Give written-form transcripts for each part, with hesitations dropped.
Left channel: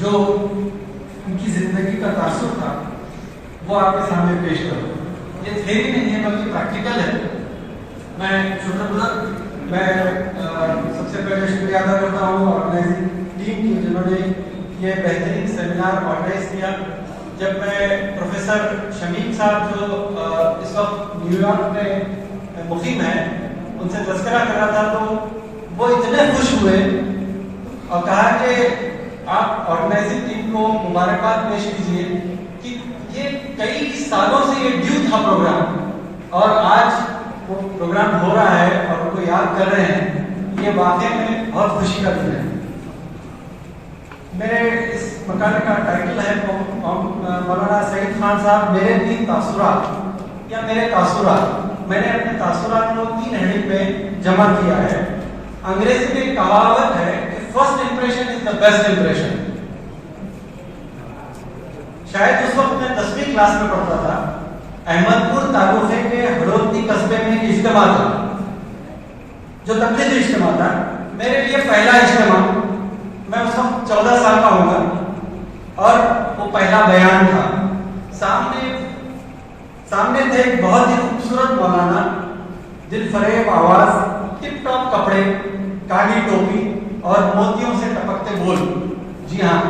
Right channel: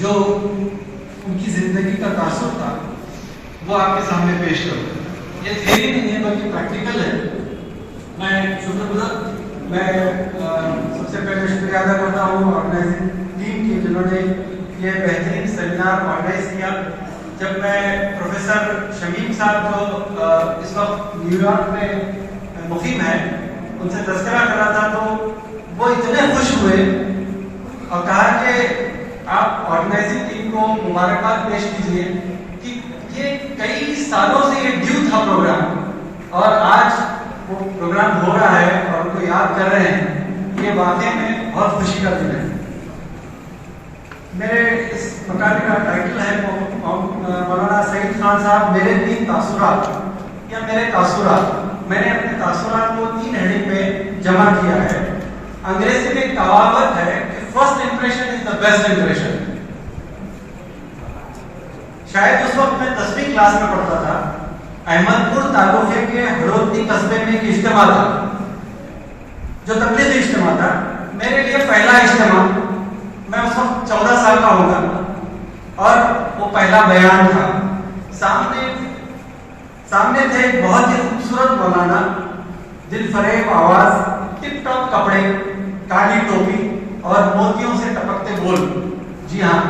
جو ان کی زندگی کا تاثر تھا وہ آپ کے سامنے پیش کروں. یہ تھیوری نہیں ہے بلکہ پریکٹیکل ہے. میں شکر گزار میں سب سے پہلے شکریہ ادا کرتا ہوں آرگنائزنگ ٹیم کی جنہوں نے یہ بہترین سیمینار آرگنائز کیا. جب میں پروفیسر شمیم صاحب جو اس وقت نیو یارک میں مقیم ہیں ان سے تذکرہ کر رہا تھا تو وہ اتنے خوش ہوئے اور کہا کہ آپ آرگنائزنگ ٹیم کو مبارکباد پیش کیجیے کہ یہ کئی سالوں سے یہ ڈیو تھا پروگرام اور آج وہ پروگرام ہو رہا ہے اور ان کو یاد کر رہے ہیں. یہ واقعی میں بہت خوشی کا دن ہے. میرے اس مقالے کا ٹائٹل ہے مولانا سعید خان صاحب میرے 3 تاثرات یا میرے تاثرات. میں نے اپنے تاثرات کو 3 ہیڈنگ پہ جمع کیا ہے. انگریزی میں کہاوت ہے کہ first impression is the best impression. شاید اس وقت میں 10ویں کلاس میں پڑھتا تھا. احمد پور تعلقے کے ہڑوتی قصبے میں ایک اجتماع تھا جو تبلیغی اجتماع تھا. میرے لیے پہلا اجتماع. میں اس وقت 14 سال کا ہوں گا اور وہ پہلا بیان تھا. سامنے تھے ایک بہت ہی خوبصورت مولانا, دل فریب آواز, ٹپ ٹاپ کپڑے, کالی ٹوپی اور موتیوں سے ٹپکتے بول. جی ہاں,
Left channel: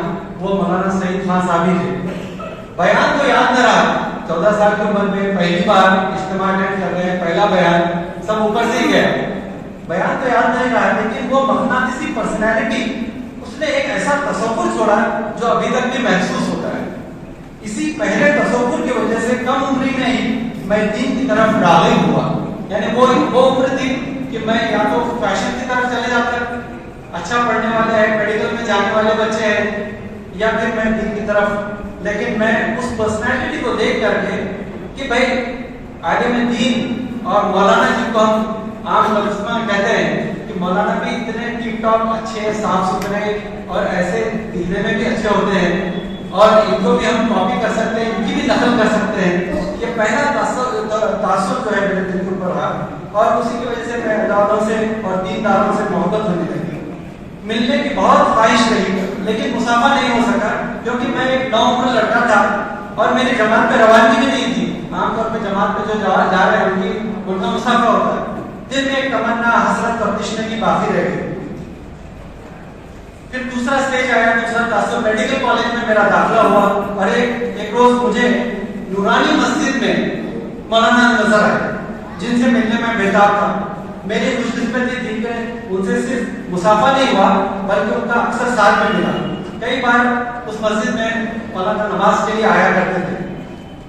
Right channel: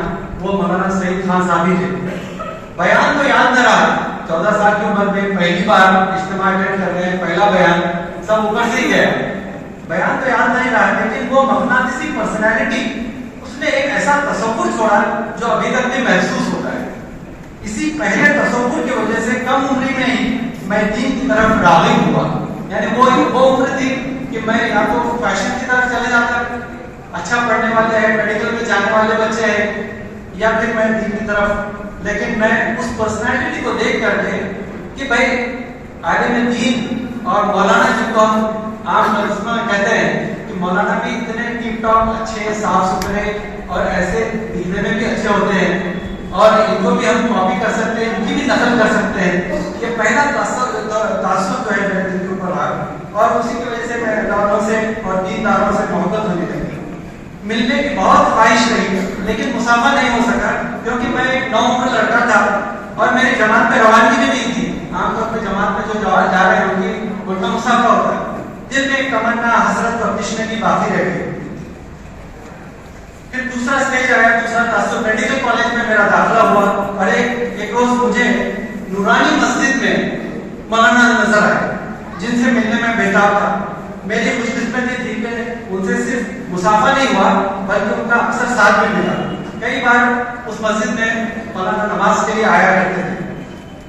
وہ مولانا سعید خان صاحب ہی تھے. بیان تو یاد نہ رہا. 14 سال کی عمر میں پہلی بار اجتماع اٹینڈ کر رہے ہیں, پہلا بیان, سب اوپر سے ہی گیا. بیان تو یاد نہیں رہا لیکن وہ مقناطیسی پرسنالٹی اس نے ایک ایسا تصور چھوڑا جو ابھی تک بھی محسوس ہوتا ہے. اسی پہلے تصور کی وجہ سے کم عمری میں ہی میں دین کی طرف راغب ہوا. یعنی وہ عمر تھی کہ میں یا تو فیشن کی طرف چلے جاتا, اچھا پڑھنے والے ہیں, میڈیکل میں جانے والے بچے ہیں, یا پھر میں دین کی طرف. لیکن میں اس پرسنالٹی کو دیکھ کر کے کہ بھائی عالم دین اور مولانا جن کو ہم عام لفظوں میں کہتے ہیں کہ مولانا بھی اتنے ٹپ ٹاپ اچھے صاف ستھرے اور ایسے دکھنے میں بھی اچھے ہوتے ہیں اور ان کو بھی ہم کاپی کر سکتے ہیں, ان کی بھی نقل کر سکتے ہیں. یہ پہلا تاثر جو ہے میرے دل کے اوپر رہا اور اسی کی وجہ سے میں اللہ والوں سے اور دینداروں سے محبت ہونے لگی. ملنے کی بہت خواہش رہی لیکن مسافہ نہیں ہو سکا کیونکہ میں ایک نوعمر لڑکا تھا اور میری جماعت پہ روانگی بھی نہیں تھی. عام طور پہ جماعت پہ جو جا رہے ہیں ان کی ان کا مسافہ ہوتا ہے. دل میں ایک تمنا حسرت اور تشنے کی باقی رہ گئی. پھر دوسرا اسٹیج آیا, دوسرا تاثر میڈیکل کالج میں میرا داخلہ ہوا اور ایک روز مجھے نورانی مسجد میں مولانا نظر آئے جن سے ملنے میں بےتاب تھا. میری خوش قسمتی تھی کہ ان سے صرف مسافہ نہیں ہوا بلکہ ان کا اکثر ساتھ میں ملا. کئی بار اس مسجد میں مولانا نماز کے لیے آیا کرتے تھے.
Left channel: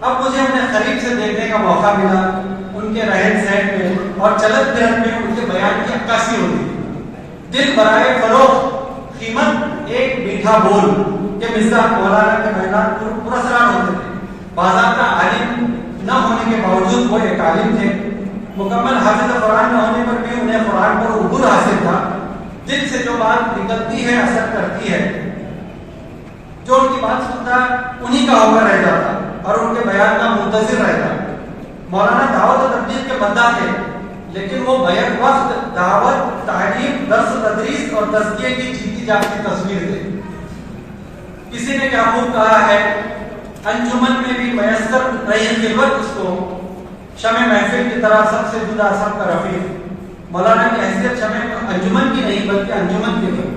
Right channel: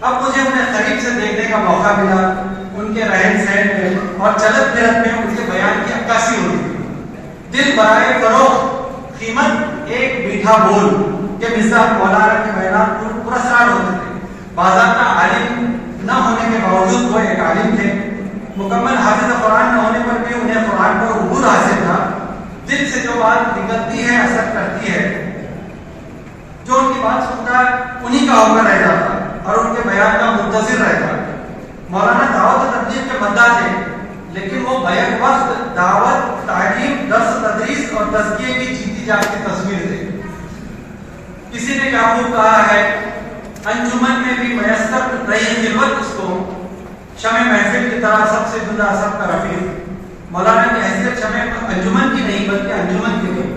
اب مجھے انہیں قریب سے دیکھنے کا موقع ملا. ان کے رہن سہن میں اور چلت پھرت میں ان کے بیان کی عکاسی ہوتی تھی. دل برائے فروخت قیمت ایک میٹھا بول کے مزاج مولانا کے بیانات پراسرار ہوتے تھے. بازار کا عالم نہ ہونے کے باوجود وہ ایک عالم تھے. مکمل حافظ قرآن نہ ہونے پر بھی انہیں قرآن پر عبور حاصل تھا. دل سے جو بات نکلتی ہے اثر کرتی ہے. جو ان کی بات سنتا ہے انہی کا ہو کر رہ جاتا اور ان کے بیان کا منتظر رہتا. مولانا دعوت و تبلیغ کے مداح تھے لیکن وہ بیک وقت دعوت, تعلیم, درس تدریس اور تزکیے کی جیتی جاتی تصویر تھے. کسی نے کیا خوب کہا ہے, انجمن میں بھی میسر رہی خلوت اس کو, شمع محفل کی طرح سب سے جدا سب کا رفیق. مولانا کی حیثیت شمع انجمن کی نہیں بلکہ انجمن کی تھی.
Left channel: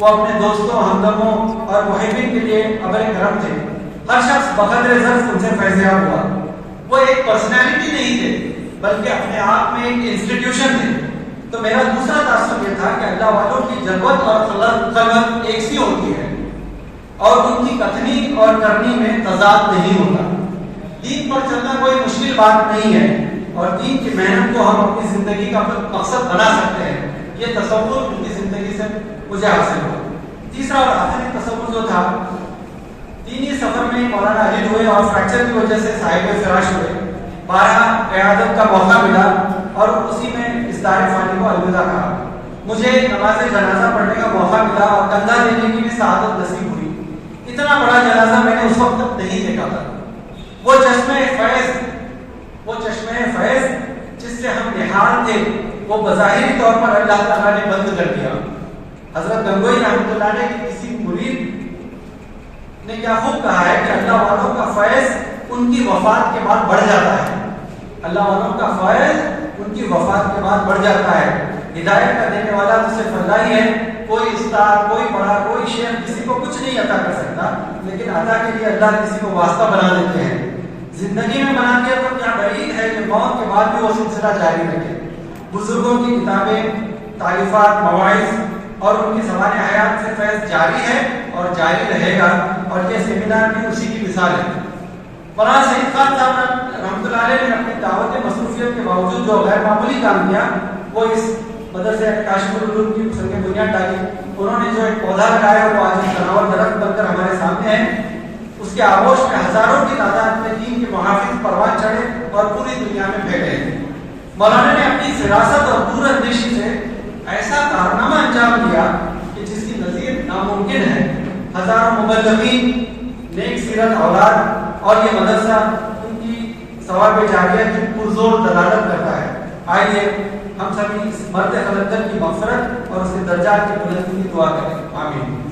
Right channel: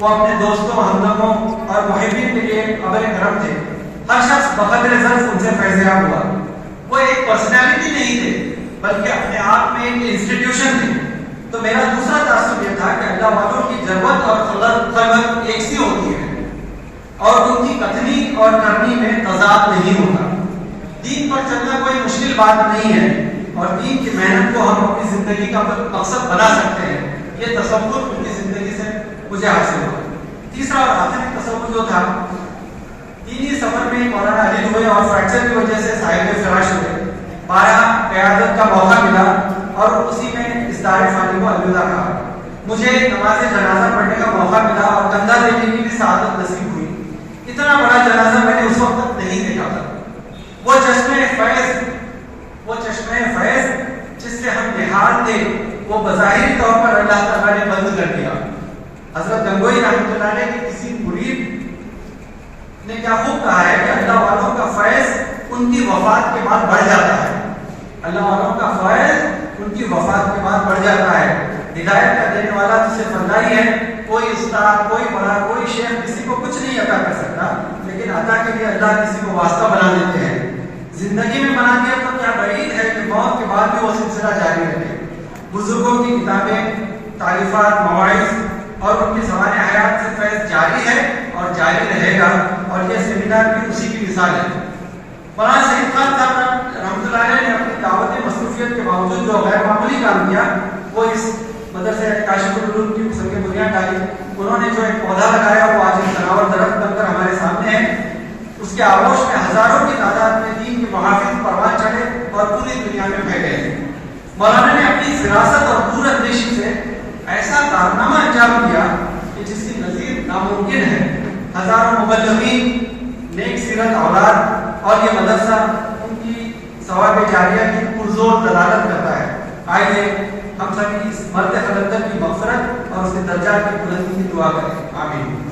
وہ اپنے دوستوں, ہمدموں اور محبین کے لیے ابر کرم تھے. ہر شخص بقدر ذرف ان سے فیضیاب ہوا. وہ ایک پرسنالٹی نہیں تھے بلکہ اپنے آپ میں ایک انسٹیٹیوشن تھے. تو میرا دوسرا تاثر یہ تھا کہ اللہ والوں کی جذبت اور خلق ایک سی ہوتی ہے اور ان کی کتھنی اور کرنی میں تضاد نہیں ہوتا. دین پر چلنا کوئی مشکل بات نہیں ہے اور دین کی محنت کو ہم اپنی زندگی کا مقصد بنا سکتے ہیں. یہ تصور ان کی زندگی سے مجھے حاصل ہوا. تیسرا اور آخری تصور جو تھا, دینی سفر میں مولانا علی ہوئے اور فریکچر کی وجہ سے صاحب فراش ہوئے. 12 قیادت کا موقع ملا اور اسی میں اس دار فانی کو الوداع کہا. مجھے نماز جنازہ پڑھنے کا موقع ملا اور کندھا دینے کی بھی سعادت نصیب ہوئی. اتنا بڑا جنازہ میں نے اس وقت تک نہیں دیکھا تھا. وہ چشمہ فیض جس سے ہم نہال تھے وہ بظاہری طور پر اللہ تعالیٰ نے بند کر دیا. حضرت گنگوئی رحمۃ اللہ علیہ کے کسی مرید نے کیا خوب کہا ہے کہ اللہ والوں کا فیض ان کی وفات کے بعد بڑھ جاتا ہے. اللہ والوں کا فیض ان کی وفات کے بعد بڑھ جاتا ہے. ہدایت کا دینے والا جسے فضائی ہے، کوئی استاد، کوئی بڑا، کوئی شیخ کسی کو کچھ نہیں عطا کر سکتا، لیکن عطا کے لیے اللہ کسی کو واسطہ بنا دیتے ہیں. زندگی میں بنا دیا تو کیا بعید ہے کہ موت کے بعد بھی وہ سلسلہ جاری رکھے. بزرگوں کی کتابیں، تعریفات، مواعظ اور ان کی زبان حیات سے فیض جاری ہے اور جاری رہے گا، اور یہ سیمینار بھی اسی کی مثال ہے. مولانا سعید خان صاحب رحمۃ اللہ علیہ نے اپنی دعوت مصروفیت کے باوجود جو غیر معمولی کام کیا وہ اس مدرسے کاشف العلوم کی سنگ بنیاد ڈالی. انہوں نے جو ایک پودا لگایا وہ آج تناور درخت بن کر ہمارے سامنے ہے. اس کے آغوش میں ہزاروں کی تعداد میں دین کے محافظ پروان چڑھے اور پوری دنیا میں پھیلے. مولانا نے اپنی فراست اور دور اندیشی سے ایسا کارنامہ انجام دیا کہ جس کی نظیر ناممکن ہے. ہزاروں مبلغین، نیک سیرت اولاد اور یہ مدرسہ ان کی ثواب جاریہ کی پرزور دلالت کرتا ہے. آئیے ہم سبھی اس مرد خلقت کی مغفرت اور اس کے درجات کی بلندی کی دعا کریں. آمین.